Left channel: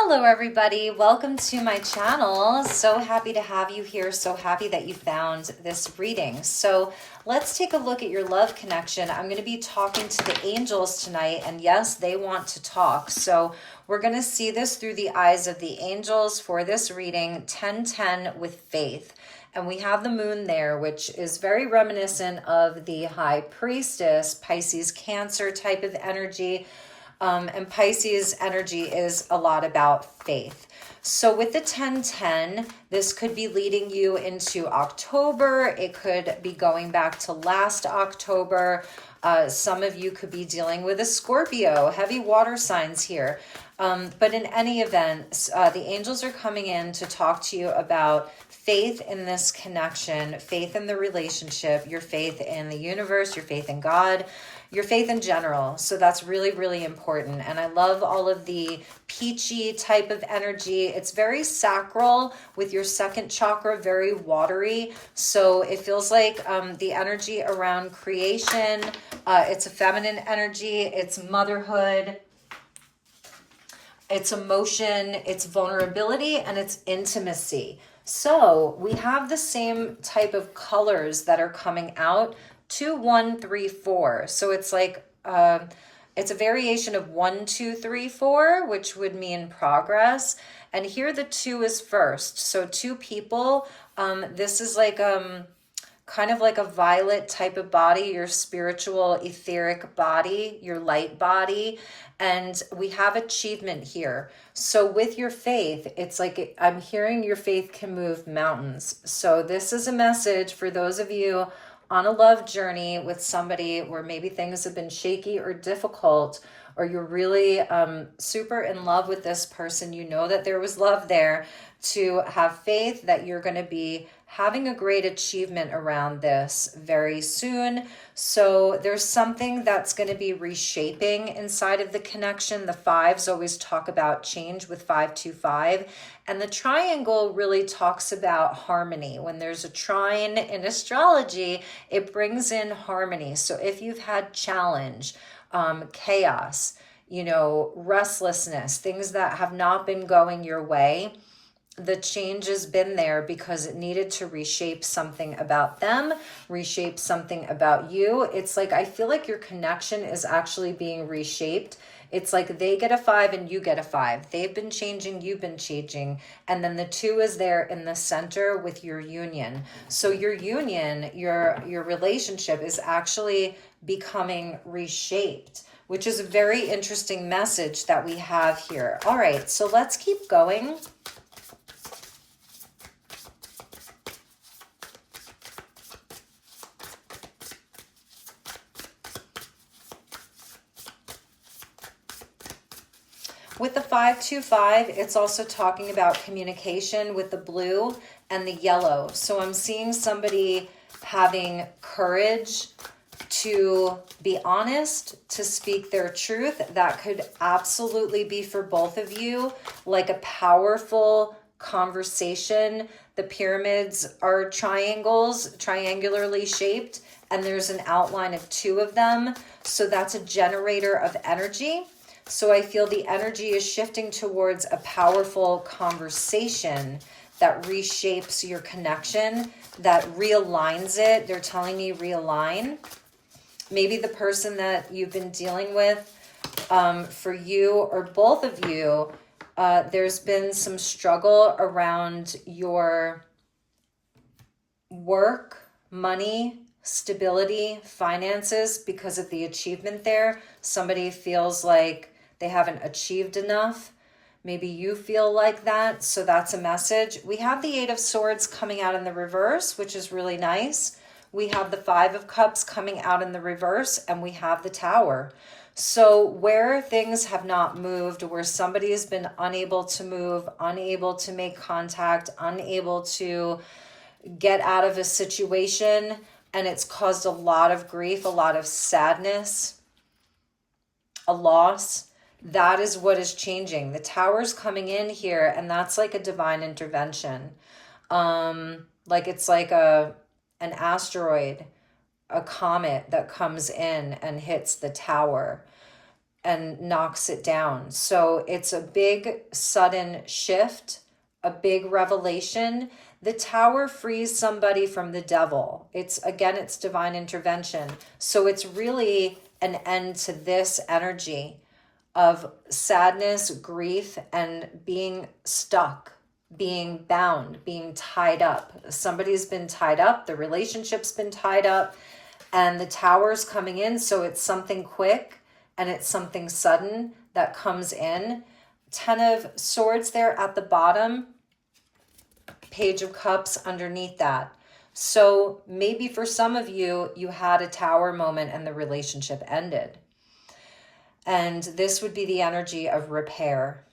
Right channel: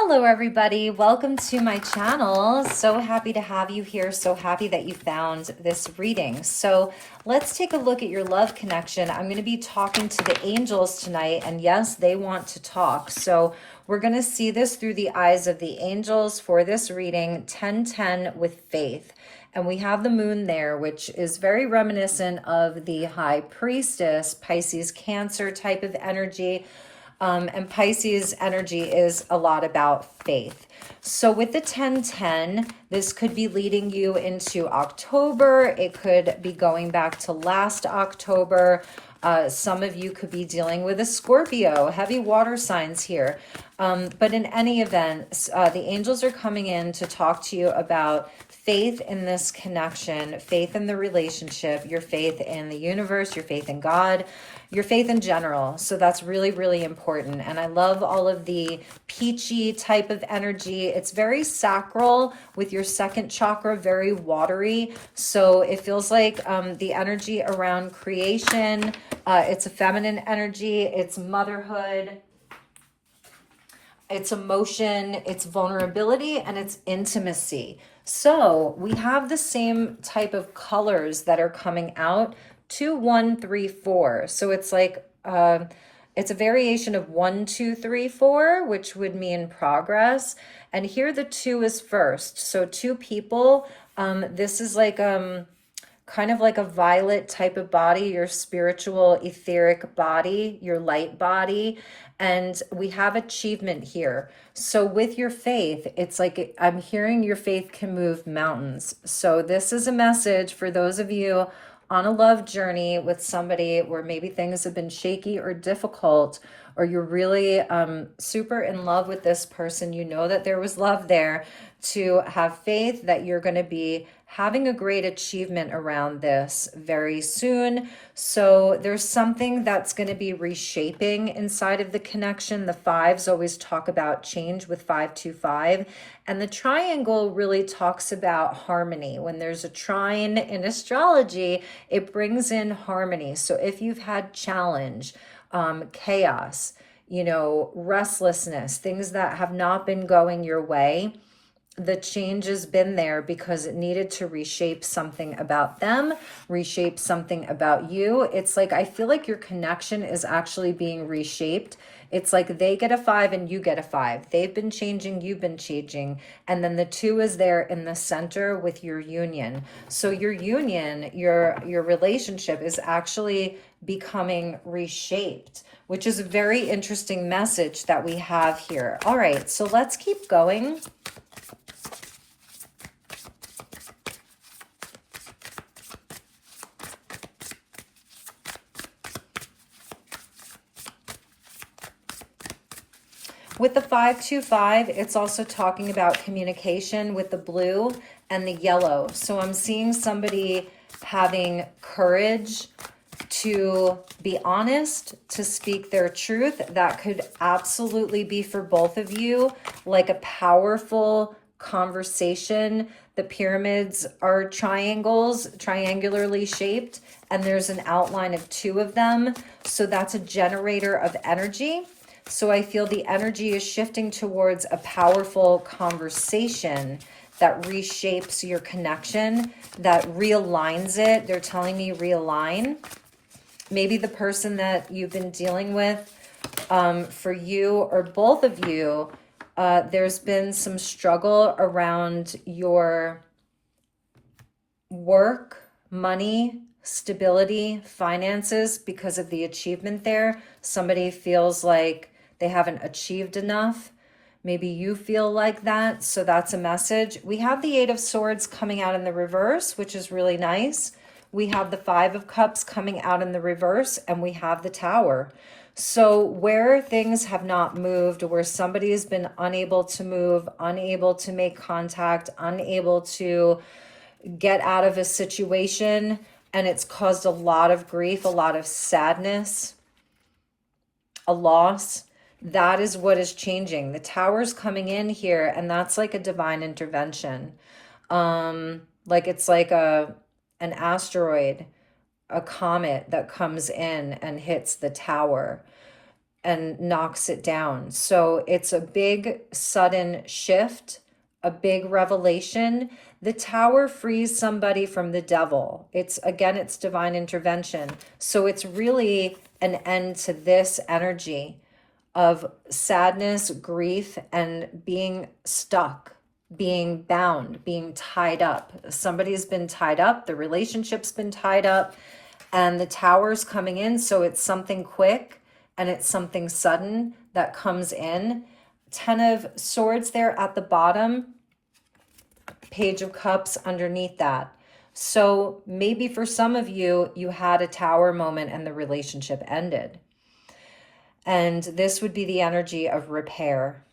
Hello everybody, welcome to my channel. So happy to have you here, so happy that you found this reading. So let's take a look at your love connection. I'm going to be talking to the angels tonight, and yes, they want to talk. So we're going to see this through the eyes of the angels for this reading, 1010 with faith. And we have the moon there, which is very reminiscent of the high priestess, Pisces, Cancer type of energy. And Pisces energy is a lot about faith. So with the 1010, this could be leading you into October. It could be going back to last October. Some of you could be dealing with a Scorpio, heavy water signs here. But in any event, the angels are coming in to talk to you about faith in this connection, faith in the relationship, your faith in the universe, your faith in God, your faith in general. So that's really, really important. And I love all of the peachy type of energy. It's very sacral with your second chakra, very watery. So it feels like the energy around creation. It's a feminine energy. It's motherhood. It's emotion. It's vulnerability, and it's intimacy. So we have the same type of colors that are coming out. 2, 1, 3, 4. So it's like it's a variation of 1, 2, 3, 4, which would mean progress. And here the 2 is first. So 2 people. This is like kind of like a violet type of body, your spiritual etheric body, your light body. And we have achievement here. So with your faith, it's like I'm hearing your faith can move mountains. So this is a message for those of you on a love journey with somebody where maybe things have been shaky or difficult, or you're really super in love with this person. You know that there was love there, to have faith that you're going to be having a great achievement around this very soon. So there's something that's going to be reshaping inside of the connection. The fives always talk about change with 525. And the triangle really talks about harmony. When there's a trine in astrology, it brings in harmony. So if you've had challenge, chaos, restlessness, things that have not been going your way, the change has been there because it needed to reshape something about them, reshape something about you. It's like, I feel like your connection is actually being reshaped. It's like they get a 5 and you get a 5. They've been changing, you've been changing. And then the 2 is there in the center with your union. So your union, your relationship is actually becoming reshaped, which is a very interesting message that we have here. All right, so let's keep going. With the 525, it's also talking about communication with the blue and the yellow. So I'm seeing somebody having courage to be honest, to speak their truth. That could absolutely be for both of you, like a powerful conversation. The pyramids are triangles, triangularly shaped, and there's an outline of 2 of them. So that's a generator of energy. So I feel the energy is shifting towards a powerful conversation that reshapes your connection, that realigns it. They're telling me realign. Maybe the person that you've been dealing with, for you or both of you, there's been some struggle around your work, money, stability, finances because of the achievement there. Somebody feels like they haven't achieved enough. Maybe you feel like that. So that's a message. We have the 8 of Swords coming out in the reverse, which is really nice. We have the 5 of Cups coming out in the reverse, and we have the Tower. So where things have not moved, where somebody has been unable to move, unable to make contact, unable to get out of a situation, and it's caused a lot of grief, a lot of sadness, a loss, that is what is changing. The Tower's coming in here, and that's like a divine intervention. Like it's like an asteroid, a comet that comes in and hits the Tower. and knocks it down. So it's a big sudden shift, a big revelation. The Tower frees somebody from the devil. It's divine intervention. So it's really an end to this energy of sadness, grief, and being stuck, being bound, being tied up. Somebody's been tied up, the relationship's been tied up, and the Tower's coming in. So it's something quick and it's something sudden that comes in. 10 of Swords there at the bottom, Page of Cups underneath that. So maybe for some of you, you had a Tower moment and the relationship ended. And this would be the energy of repair.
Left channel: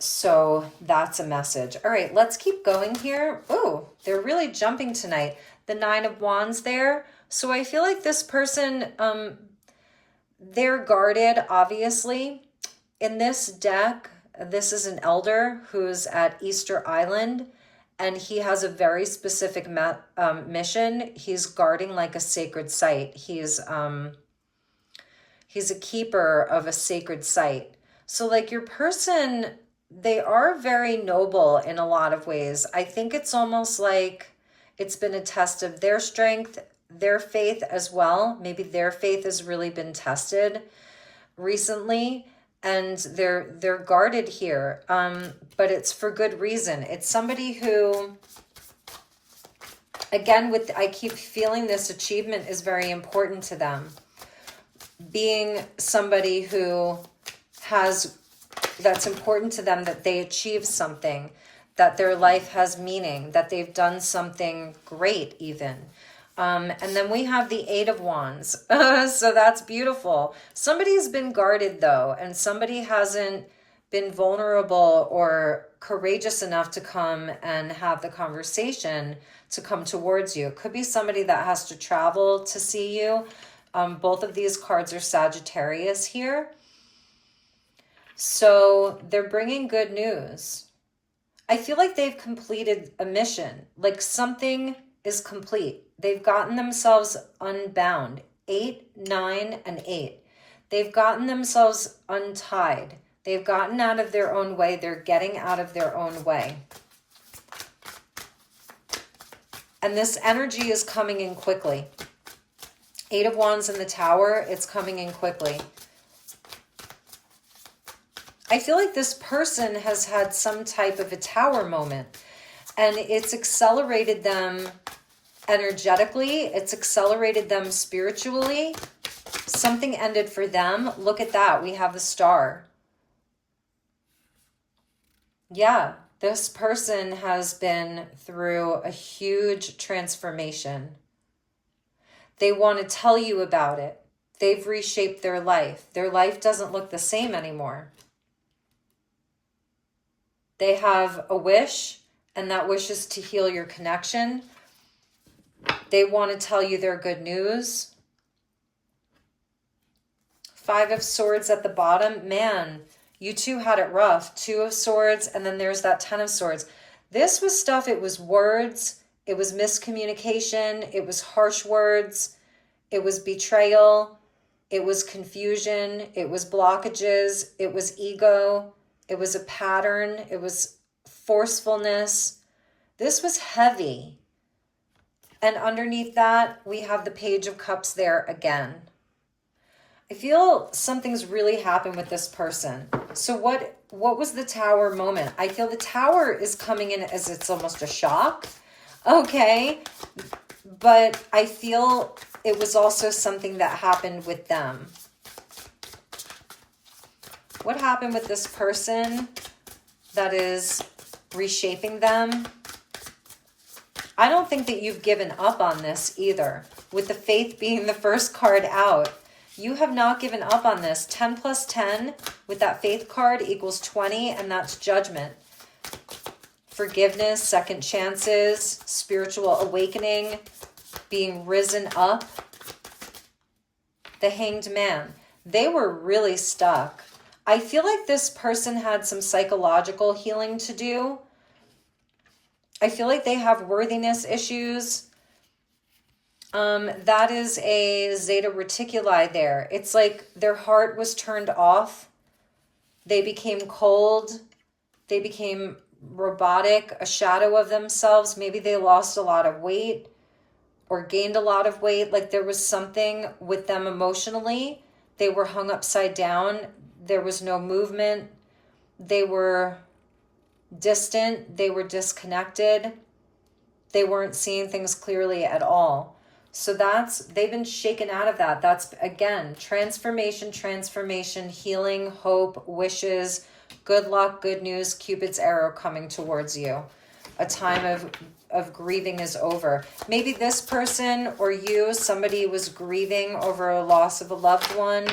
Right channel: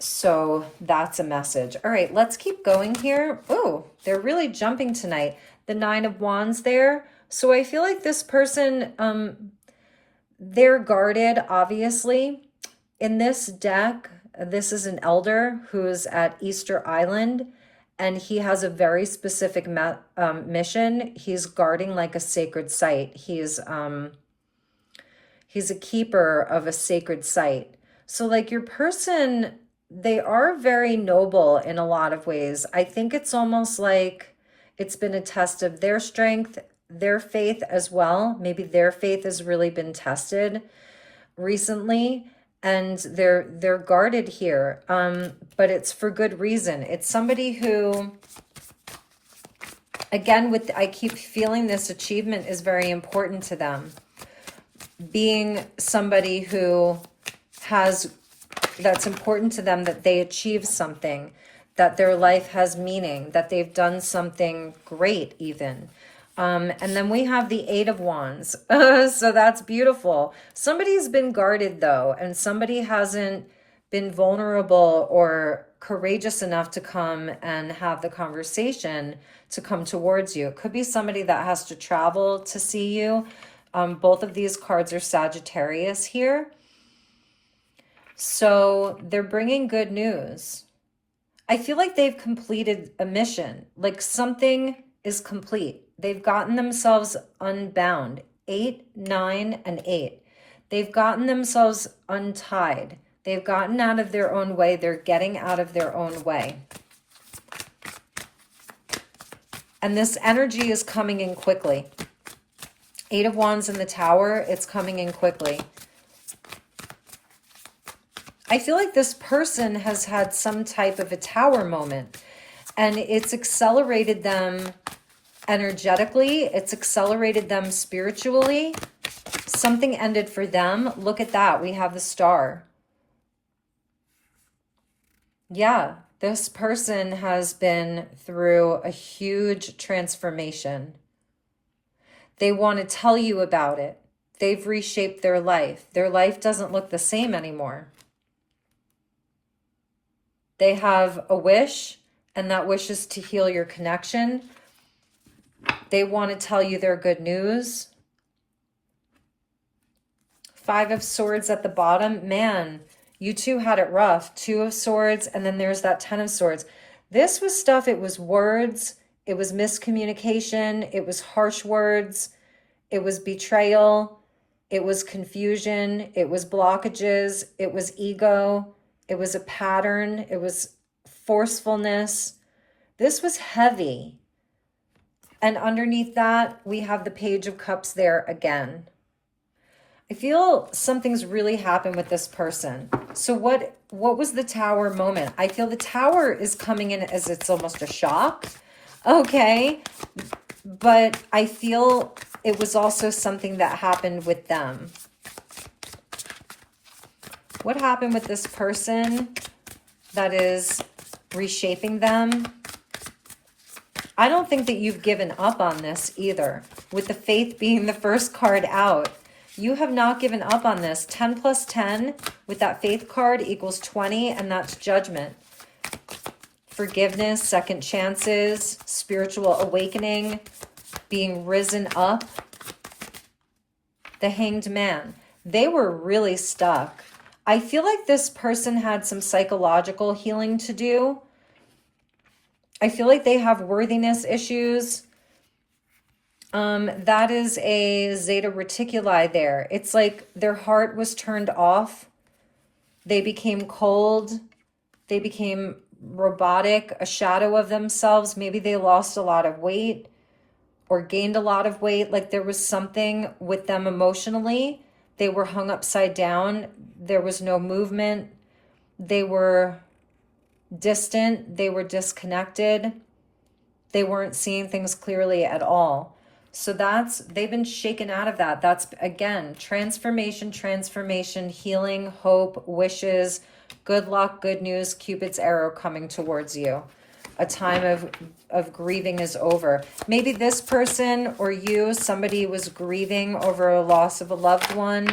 So that's a message. All right, let's keep going here. Oh, they're really jumping tonight. The 9 of Wands there. So I feel like this person, they're guarded, obviously. In this deck, this is an elder who's at Easter Island, and he has a very specific mission. He's guarding like a sacred site. He's a keeper of a sacred site. So like your person, they are very noble in a lot of ways. I think it's almost like it's been a test of their strength, their faith as well. Maybe their faith has really been tested recently, and they're guarded here. But it's for good reason. It's somebody who, again, I keep feeling this achievement is very important to them. Being somebody who that's important to them, that they achieve something, that their life has meaning, that they've done something great even. And then we have the 8 of Wands. So that's beautiful. Somebody's been guarded though, and somebody hasn't been vulnerable or courageous enough to come and have the conversation to come towards you. It could be somebody that has to travel to see you. Both of these cards are Sagittarius here. So they're bringing good news. I feel like they've completed a mission, like something is complete. They've gotten themselves unbound. 8, 9, and 8. They've gotten themselves untied. They've gotten out of their own way. They're getting out of their own way. And this energy is coming in quickly. 8 of Wands in the Tower, it's coming in quickly. I feel like this person has had some type of a Tower moment, and it's accelerated them energetically. It's accelerated them spiritually. Something ended for them. Look at that. We have the Star. Yeah, this person has been through a huge transformation. They want to tell you about it. They've reshaped their life. Their life doesn't look the same anymore. They have a wish, and that wish is to heal your connection. They want to tell you their good news. 5 of Swords at the bottom. Man, you two had it rough. 2 of Swords, and then there's that 10 of Swords. This was stuff, it was words, it was miscommunication, it was harsh words, it was betrayal, it was confusion, it was blockages, it was ego, it was a pattern, it was forcefulness. This was heavy. And underneath that, we have the Page of Cups there again. I feel something's really happened with this person. So what was the Tower moment? I feel the Tower is coming in as it's almost a shock. Okay. But I feel it was also something that happened with them. What happened with this person that is reshaping them? I don't think that you've given up on this either. With the Faith being the first card out, you have not given up on this. 10 plus 10 with that Faith card equals 20, and that's Judgment. Forgiveness, second chances, spiritual awakening, being risen up. The Hanged Man. They were really stuck. I feel like this person had some psychological healing to do. I feel like they have worthiness issues. That is a Zeta Reticuli there. It's like their heart was turned off. They became cold. They became robotic, a shadow of themselves. Maybe they lost a lot of weight or gained a lot of weight. Like there was something with them emotionally. They were hung upside down. There was no movement. They were distant. They were disconnected. They weren't seeing things clearly at all. So they've been shaken out of that. That's, again, transformation, healing, hope, wishes, good luck, good news, Cupid's arrow coming towards you. A time of grieving is over. Maybe this person or you, somebody was grieving over a loss of a loved one.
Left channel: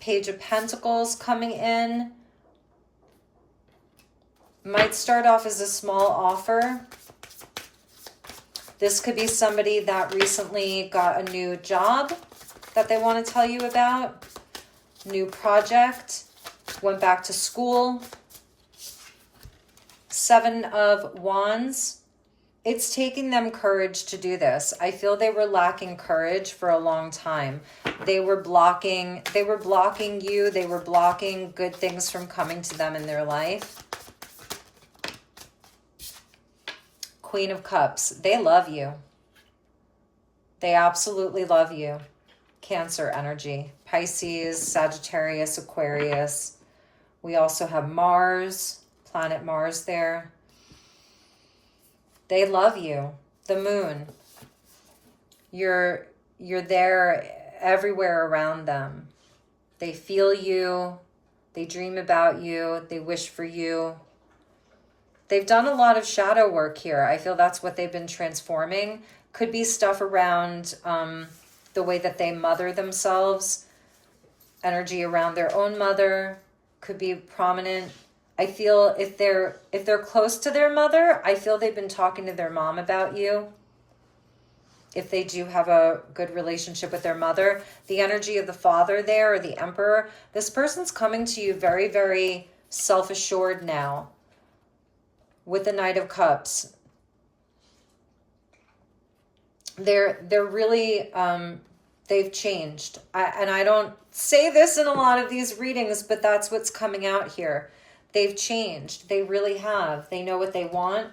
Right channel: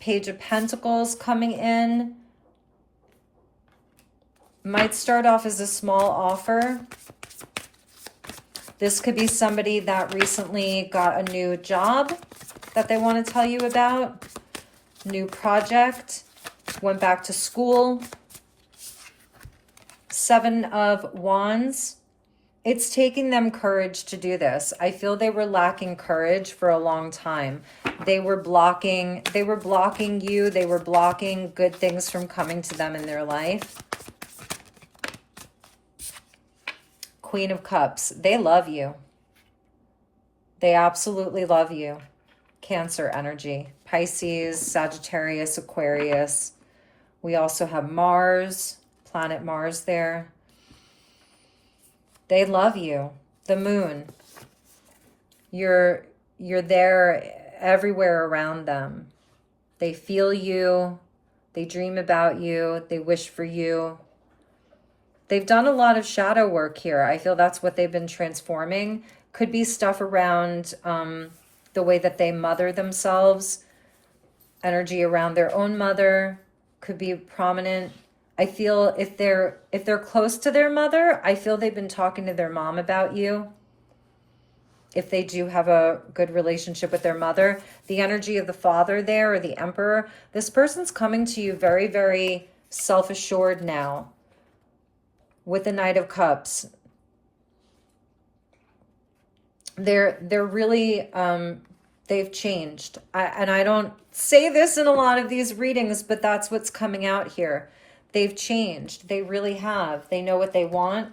Page of Pentacles coming in. Might start off as a small offer. This could be somebody that recently got a new job that they want to tell you about. New project. Went back to school. 7 of Wands. It's taking them courage to do this. I feel they were lacking courage for a long time. They were blocking you. They were blocking good things from coming to them in their life. Queen of Cups. They love you. They absolutely love you. Cancer energy. Pisces, Sagittarius, Aquarius. We also have Mars, planet Mars there. They love you. The moon. You're there everywhere around them. They feel you. They dream about you. They wish for you. They've done a lot of shadow work here. I feel that's what they've been transforming. Could be stuff around the way that they mother themselves. Energy around their own mother could be prominent. I feel if they're close to their mother, I feel they've been talking to their mom about you. If they do have a good relationship with their mother. The energy of the father there, or the emperor. This person's coming to you very, very self-assured now. With the Knight of Cups. They're really, they've changed. And I don't say this in a lot of these readings, but that's what's coming out here. They've changed. They really have. They know what they want.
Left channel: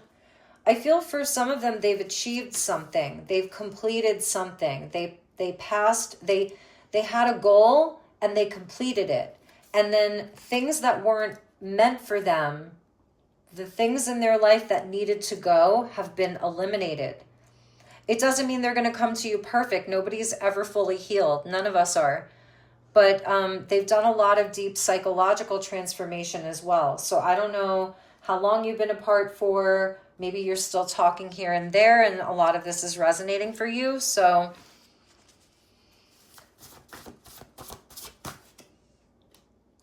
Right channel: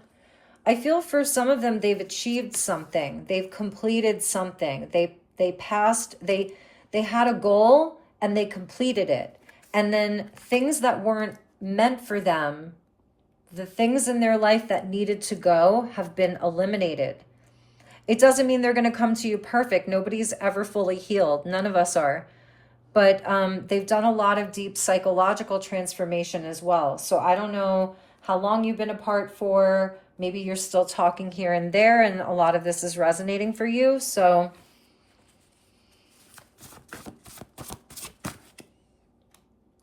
I feel for some of them, they've achieved something. They've completed something. They passed, they had a goal and they completed it. And then things that weren't meant for them, the things in their life that needed to go have been eliminated. It doesn't mean they're going to come to you perfect. Nobody's ever fully healed. None of us are. But they've done a lot of deep psychological transformation as well. So I don't know how long you've been apart for. Maybe you're still talking here and there, and a lot of this is resonating for you. So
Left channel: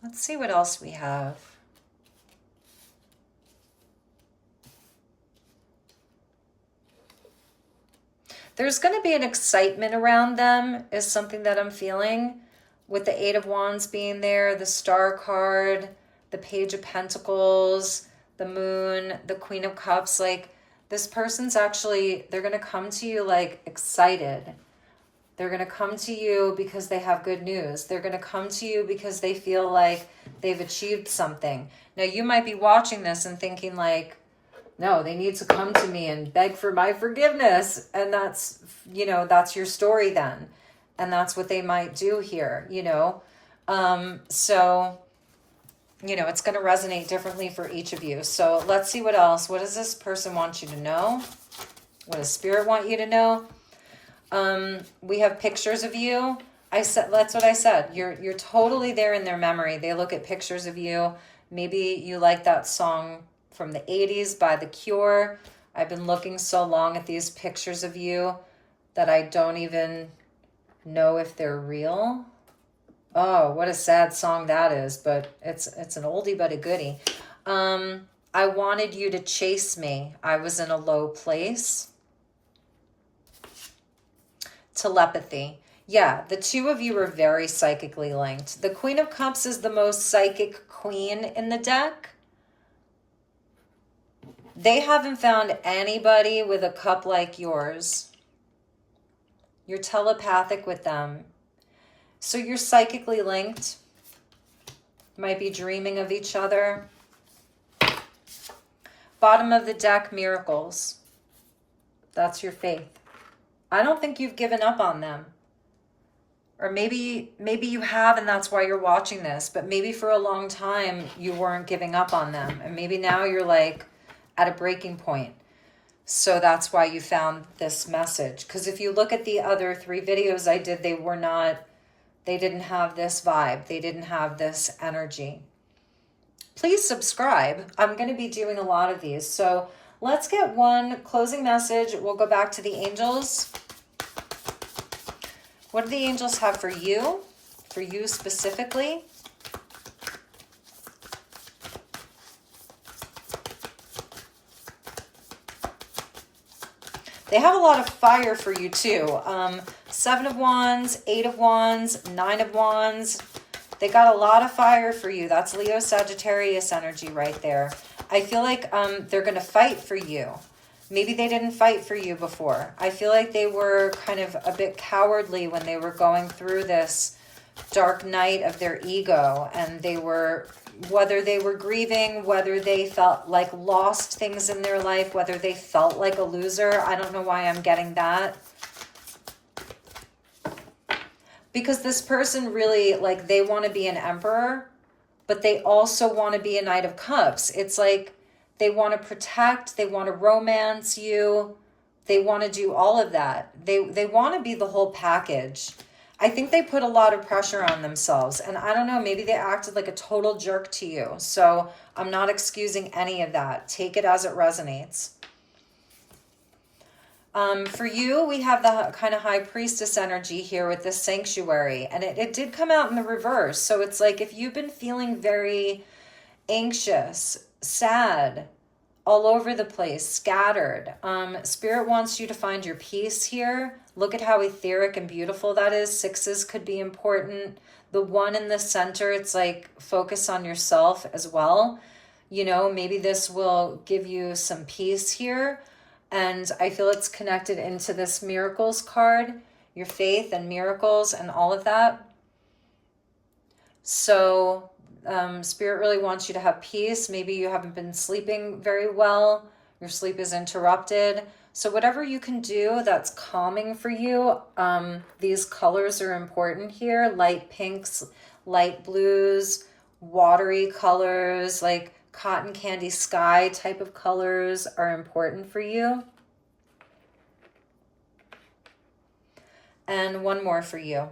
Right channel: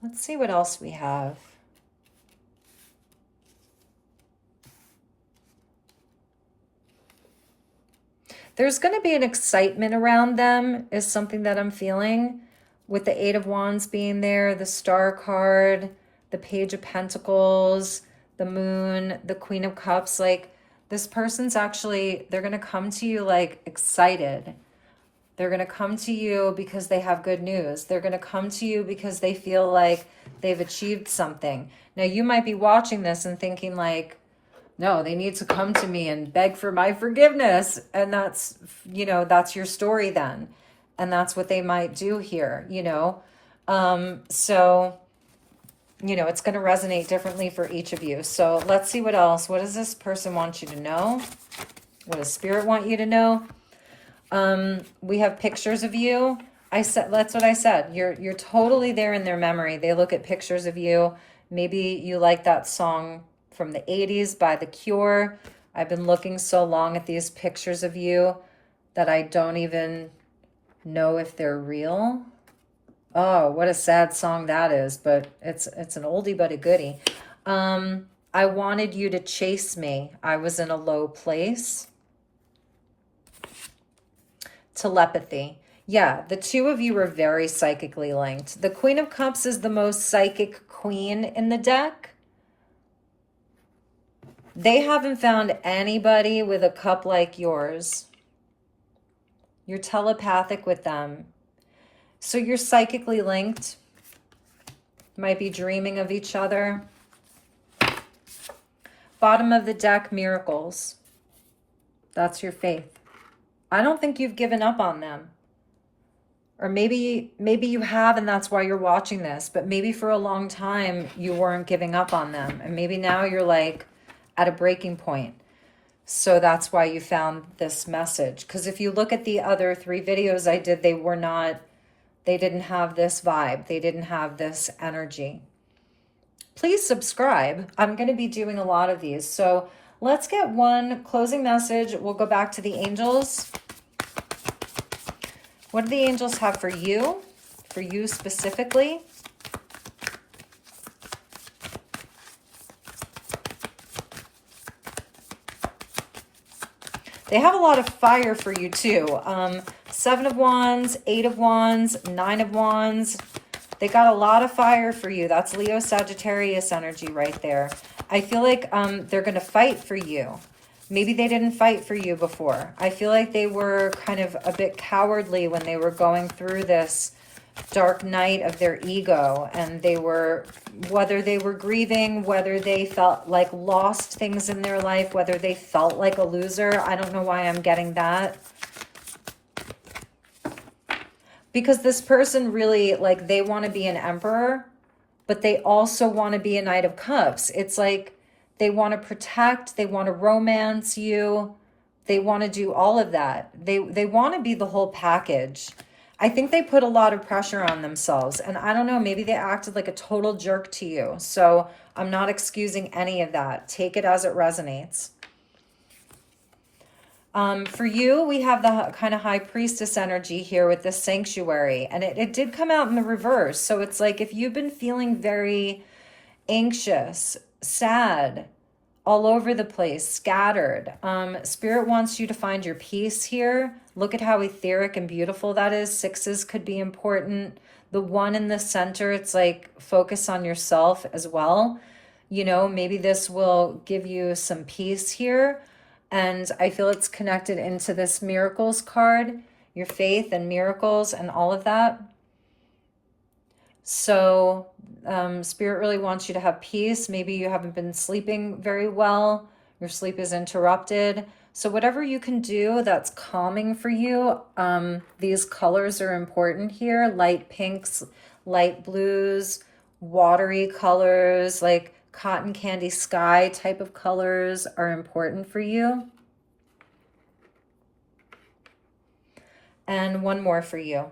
let's see what else we have. There's going to be an excitement around them is something that I'm feeling, with the 8 of Wands being there, the Star card, the Page of Pentacles, the Moon, the Queen of Cups. Like, this person's actually, they're going to come to you like excited. They're going to come to you because they have good news. They're going to come to you because they feel like they've achieved something. Now, you might be watching this and thinking like, no, they need to come to me and beg for my forgiveness. And that's, you know, that's your story then. And that's what they might do here, you know. So, you know, it's going to resonate differently for each of you. So let's see what else. What does this person want you to know? What does Spirit want you to know? We have pictures of you. That's what I said. You're totally there in their memory. They look at pictures of you. Maybe you like that song from the 80s by The Cure. I've been looking so long at these pictures of you that I don't even know if they're real. Oh, what a sad song that is, but it's an oldie but a goodie. I wanted you to chase me. I was in a low place. Telepathy. Yeah, the two of you are very psychically linked. The Queen of Cups is the most psychic queen in the deck. They haven't found anybody with a cup like yours. You're telepathic with them. So you're psychically linked. You might be dreaming of each other. Bottom of the deck, miracles. That's your faith. I don't think you've given up on them. Or maybe you have, and that's why you're watching this. But maybe for a long time you weren't giving up on them, and maybe now you're like at a breaking point. So that's why you found this message. Because if you look at the other 3 videos I did, they didn't have this vibe. They didn't have this energy. Please subscribe. I'm going to be doing a lot of these. So let's get one closing message. We'll go back to the angels. What do the angels have for you? For you specifically? They have a lot of fire for you too. 7 of Wands, 8 of Wands, 9 of Wands. They got a lot of fire for you. That's Leo Sagittarius energy right there. I feel like they're going to fight for you. Maybe they didn't fight for you before. I feel like they were kind of a bit cowardly when they were going through this dark night of their ego. And they were, whether they were grieving, whether they felt like lost things in their life, whether they felt like a loser. I don't know why I'm getting that. Because this person really, like, they want to be an emperor, but they also want to be a Knight of Cups. It's like they want to protect, they want to romance you, they want to do all of that. They want to be the whole package. I think they put a lot of pressure on themselves. And I don't know, maybe they acted like a total jerk to you. So I'm not excusing any of that. Take it as it resonates. For you, we have the kind of high priestess energy here with the sanctuary. And it did come out in the reverse. So it's like if you've been feeling very anxious, sad, all over the place, scattered. Spirit wants you to find your peace here. Look at how etheric and beautiful that is. 6s could be important. The 1 in the center, it's like focus on yourself as well. You know, maybe this will give you some peace here. And I feel it's connected into this miracles card, your faith and miracles and all of that. So Spirit really wants you to have peace. Maybe you haven't been sleeping very well. Your sleep is interrupted. So whatever you can do that's calming for you, these colors are important here. Light pinks, light blues, watery colors, like cotton candy sky type of colors are important for you. And one more for you.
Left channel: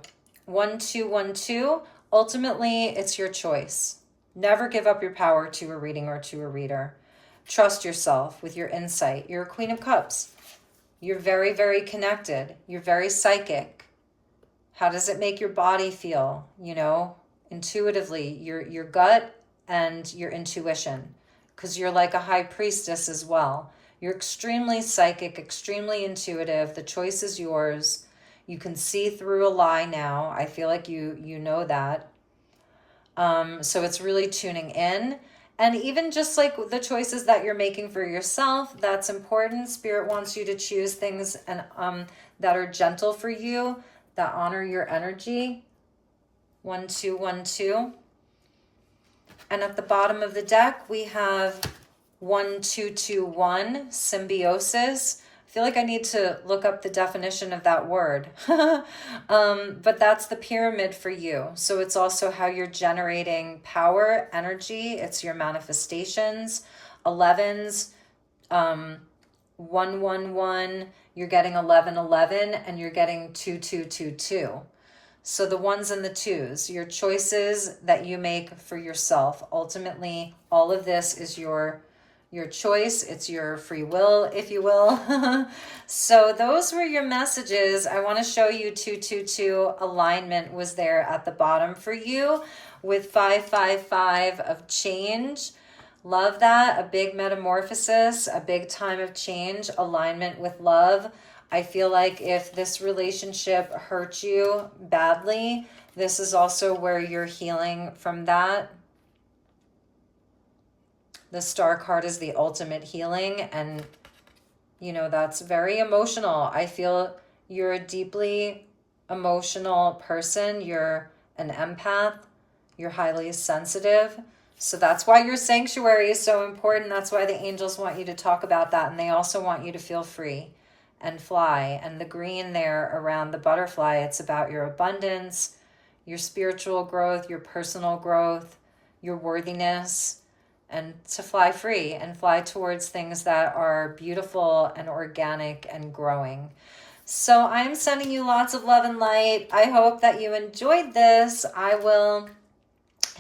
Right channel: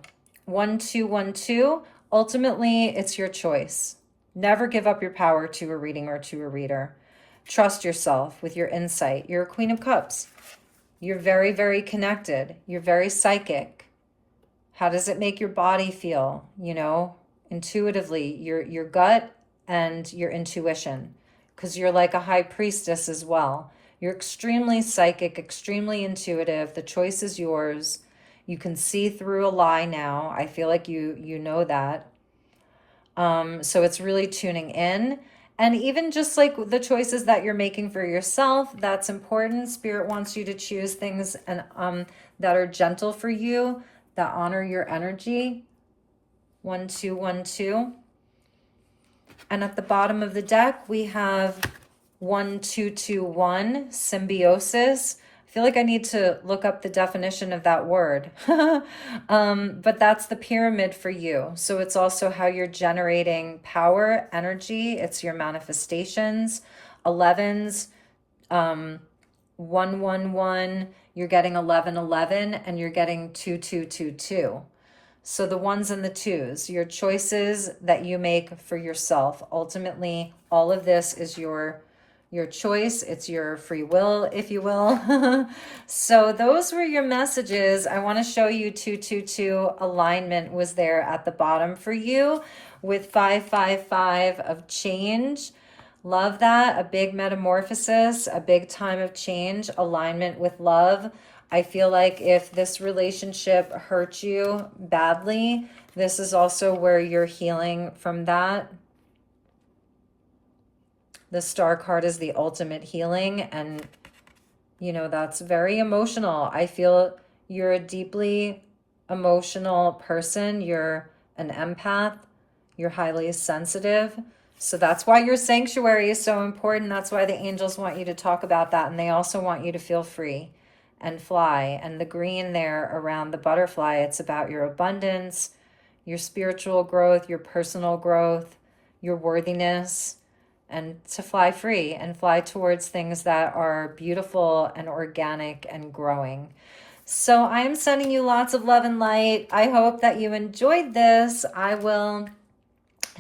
1212. Ultimately, it's your choice. Never give up your power to a reading or to a reader. Trust yourself with your insight. You're a Queen of Cups. You're very, very connected. You're very psychic. How does it make your body feel? You know, intuitively, your gut and your intuition, because you're like a high priestess as well. You're extremely psychic, extremely intuitive. The choice is yours. You can see through a lie now. I feel like you know that. So it's really tuning in. And even just like the choices that you're making for yourself, that's important. Spirit wants you to choose things and that are gentle for you, that honor your energy. 1212. And at the bottom of the deck, we have 1221, symbiosis. I feel like I need to look up the definition of that word. But that's the pyramid for you. So it's also how you're generating power, energy. It's your manifestations. 11s, 111, you're getting 1111, and you're getting 2222. So the 1s and the 2s, your choices that you make for yourself. Ultimately, all of this is your choice. It's your free will, if you will. So those were your messages. I want to show you 222 alignment was there at the bottom for you with 555 of change. Love that. A big metamorphosis, a big time of change, alignment with love. I feel like if this relationship hurt you badly, this is also where you're healing from that. The Star card is the ultimate healing, and you know, that's very emotional. I feel You're a deeply emotional person. You're an empath. You're highly sensitive. So that's why your sanctuary is so important. That's why the angels want you to talk about that. And they also want you to feel free and fly. And the green there around the butterfly, it's about your abundance, your spiritual growth, your personal growth, your worthiness, and to fly free and fly towards things that are beautiful and organic and growing. So I'm sending you lots of love and light. I hope that you enjoyed this. I will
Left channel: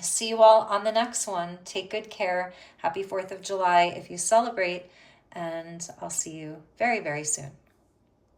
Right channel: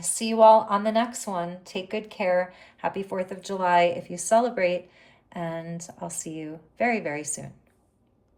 see you all on the next one. Take good care. Happy 4th of July if you celebrate. And I'll see you very, very soon.